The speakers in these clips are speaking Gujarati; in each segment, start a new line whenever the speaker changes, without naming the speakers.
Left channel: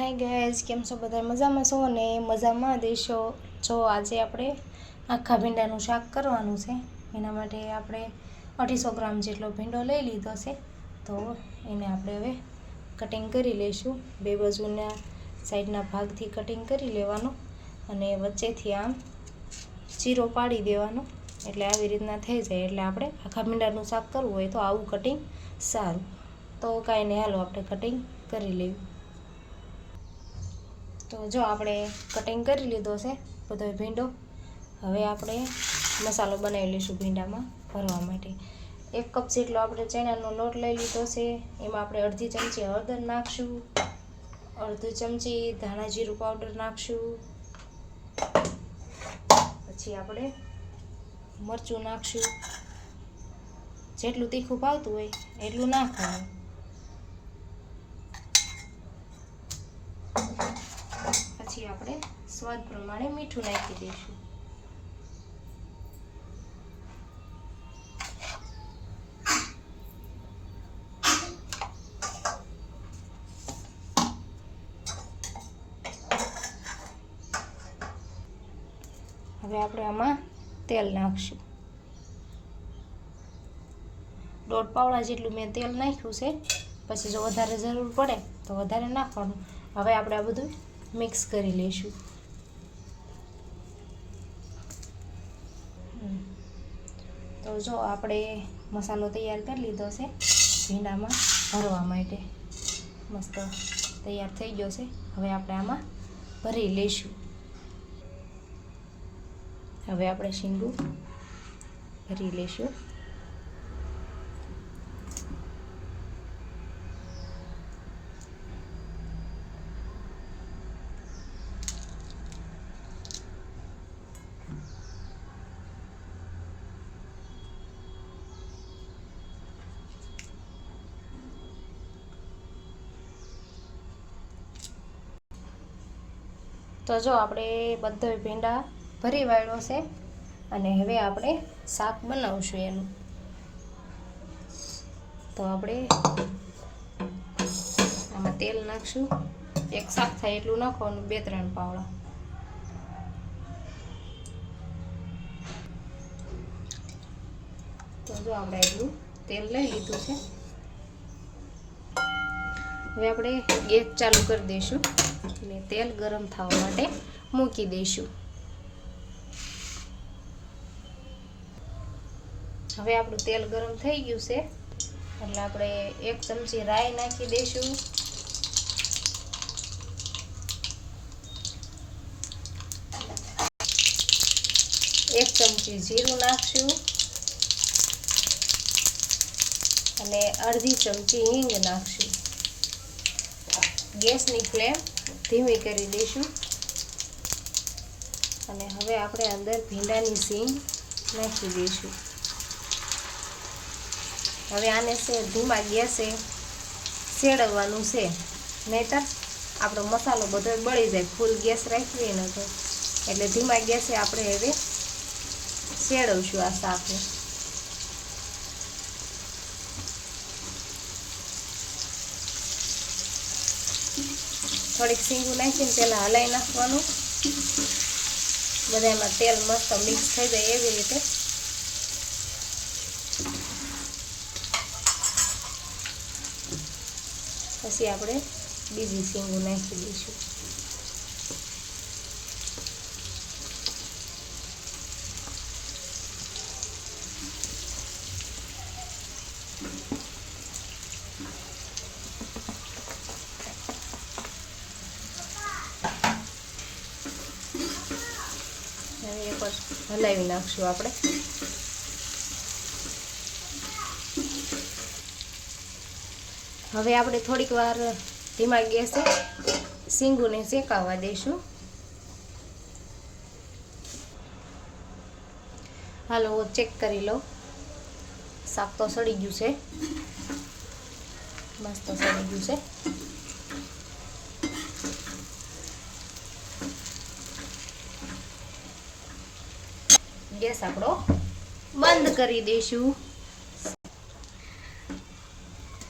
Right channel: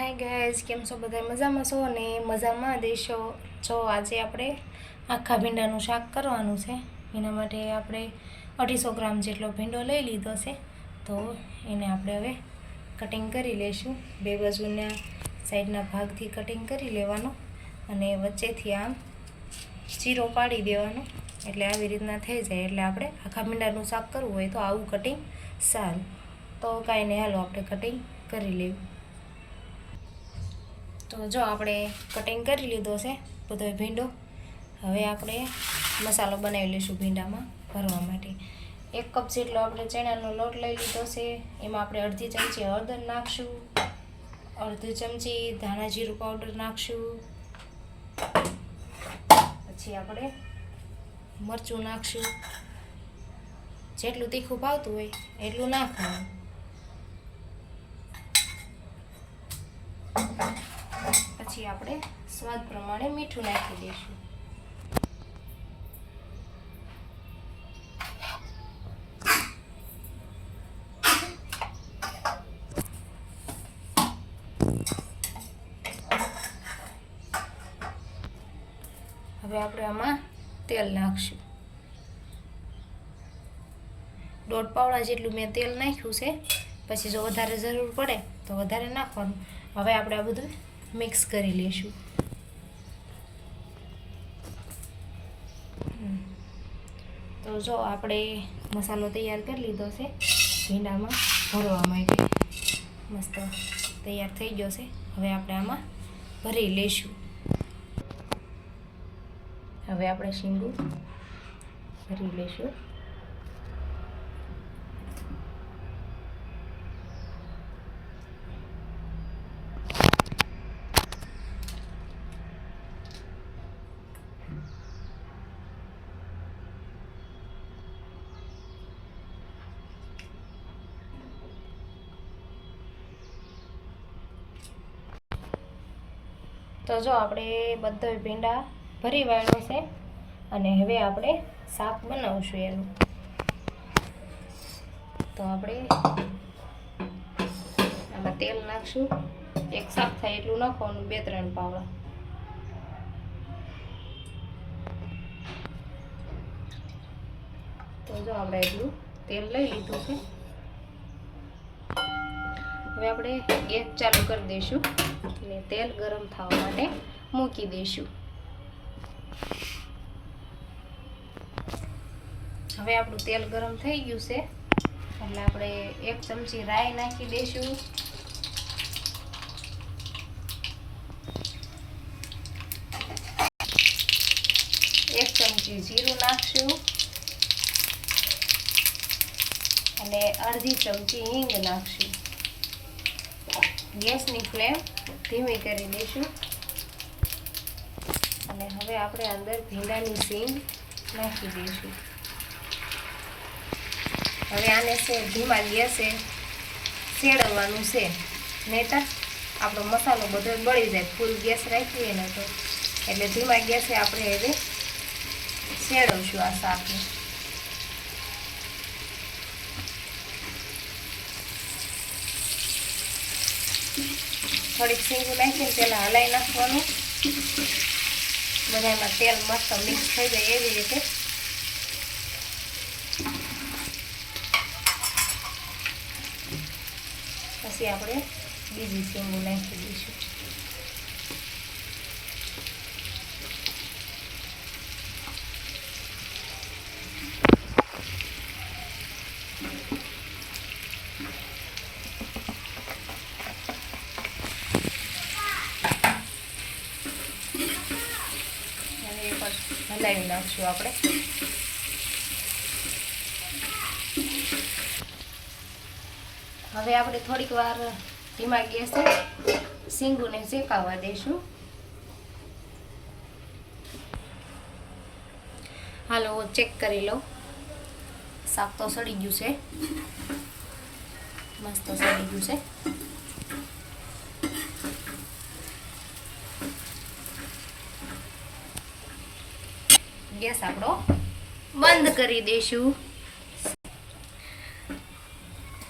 હાય ગાઈઝ કેમ છો બધા? મજામાં છો અને મજામાં દેશો જો આજે આપણે આખા ભીંડાનું શાક કરવાનું છે. એના માટે આપણે અઢીસો ગ્રામ જેટલો ભીંડો લઈ લીધો છે. તો એને આપણે હવે કટિંગ કરી લઈશું. બે બાજુના સાઈડના ભાગથી કટિંગ કરી લેવાનું અને વચ્ચેથી આમ ચીરો પાડી દેવાનો. એટલે આવી રીતના થઈ જાય. એટલે આપણે આખા ભીંડાનું શાક કરવું હોય તો આવું કટિંગ સારું. તો કાંઈ નહીં, હાલો આપણે કટિંગ કરી લેવું જો આપણે કટિંગ કરી લીધો છે, બધો ભીંડો. હવે આપણે મસાલો બનાવી લઈશું ભીંડામાં ભરવા માટે. એક કપ જેટલો આપણે ચણાનો લોટ લઈ લીધો છે, એમાં આપણે અડધી ચમચી હળદર નાખશું, અડધી ચમચી ધાણા જીરું પાવડર નાખશું, પછી આપણે મરચું નાખશું. જેટલું તીખું ભાવતું હોય એટલું નાખવાનું. પછી આપણે સ્વાદ પ્રમાણે મીઠું નાખી દઈશું. હવે આપણે આમાં તેલ નાખશું. દોઢ પાવડા જેટલું મેં તેલ નાખ્યું છે. પછી જો વધારે જરૂર પડે તો વધારે નાખવાનું. હવે આપણે આ બધું મિક્સ કરી લઈશું. તો જો આપણે મસાલો તૈયાર કરી લીધો છે, ભીંડામાં ભરવા માટે. મસ્ત તૈયાર થઈ ગયો છે. હવે આપણે આમાં ભરી લઈશું. હવે આપણે શીંગું ભરી લઈશું. તો જો આપણે બધો ભીંડા ભરી વાળ્યો છે અને હવે આપણે શાક બનાવશું એનું. તો આપણે આમાં તેલ નાખશું. એક શાક થાય એટલું નાખવાનું, બે ત્રણ પાવડા. તો જો આપણે એટલું તેલ લઈ લીધું છે. હવે આપણે ગેસ ચાલુ કરી દઈશું અને તેલ ગરમ થવા માટે મૂકી દઈશું. હવે આપણું તેલ ગરમ થઈ ગયું છે. એટલે આપણે એક ચમચી રાઈ નાખી દઈશું. એક ચમચી જીરું નાખશું. અને અડધી ચમચી હિંગ નાખશું. ગેસની ફ્લેમ ધીમી કરી દઈશું. અને હવે આપણે અંદર ભીંડાની સીંગ નાખી દઈશું. હવે આને છે, ધીમા ગેસે શેડવવાનું છે. નહીતર આપણો મસાલો બધો બળી જાય ફૂલ ગેસ રાખીએ ને તો એટલે ધીમા ગેસે આપણે હવે શેડવશું આ શાકને. થોડીક સીંગું નાખીને પહેલાં હલાવી નાખવાનું. બધામાં તેલ મસ્ત મિક્સ થઈ જાય એવી રીતે. પછી આપણે બીજી સીંગું નાખી દઈશું હવે એક વાર હલાવી નાખશું આપણે. હવે આપણે થોડીક વાર ધીમા ગેસે સિંગુને શેકાવા દઈશું. હાલો ચેક કરી લો શાક તો સડી ગયું છે. મસ્ત સડી ગયું છે. ગેસ આપણો બંધ કરી દઈશું.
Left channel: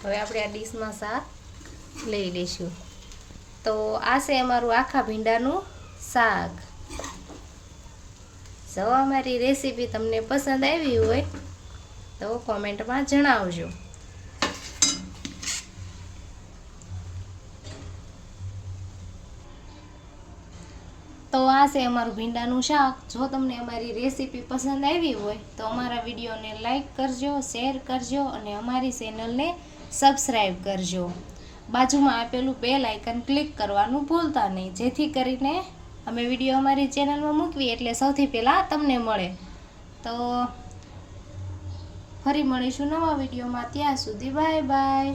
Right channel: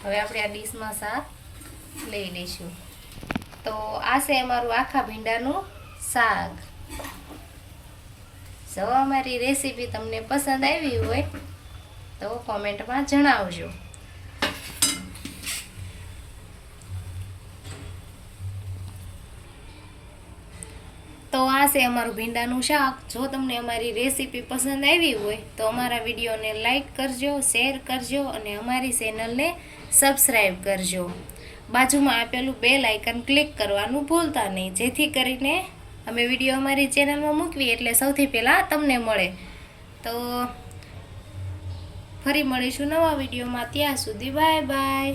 હવે આપણે આ ડીશમાં શાક લઈ લઈશું. તો આ છે અમારું આખા ભીંડાનું શાક. જો અમારી રેસીપી તમને પસંદ આવી હોય તો કોમેન્ટમાં જણાવજો. તો આ છે અમારું ભીંડાનું શાક. જો તમને અમારી રેસીપી પસંદ આવી હોય, તો અમારા વિડીયોને લાઇક કરજો, શેર કરજો અને અમારી ચેનલને સબસ્ક્રાઈબ કરજો. બાજુમાં આપેલું બેલ આઇકન ક્લિક કરવાનું ભૂલતા નહીં. જેથી કરીને અમે વીડિયો અમારી ચેનલમાં મૂકવી એટલે સૌથી પહેલાં તમને મળે. તો ફરી મળીશું નવા વિડીયોમાં. ત્યાં સુધી બાય બાય.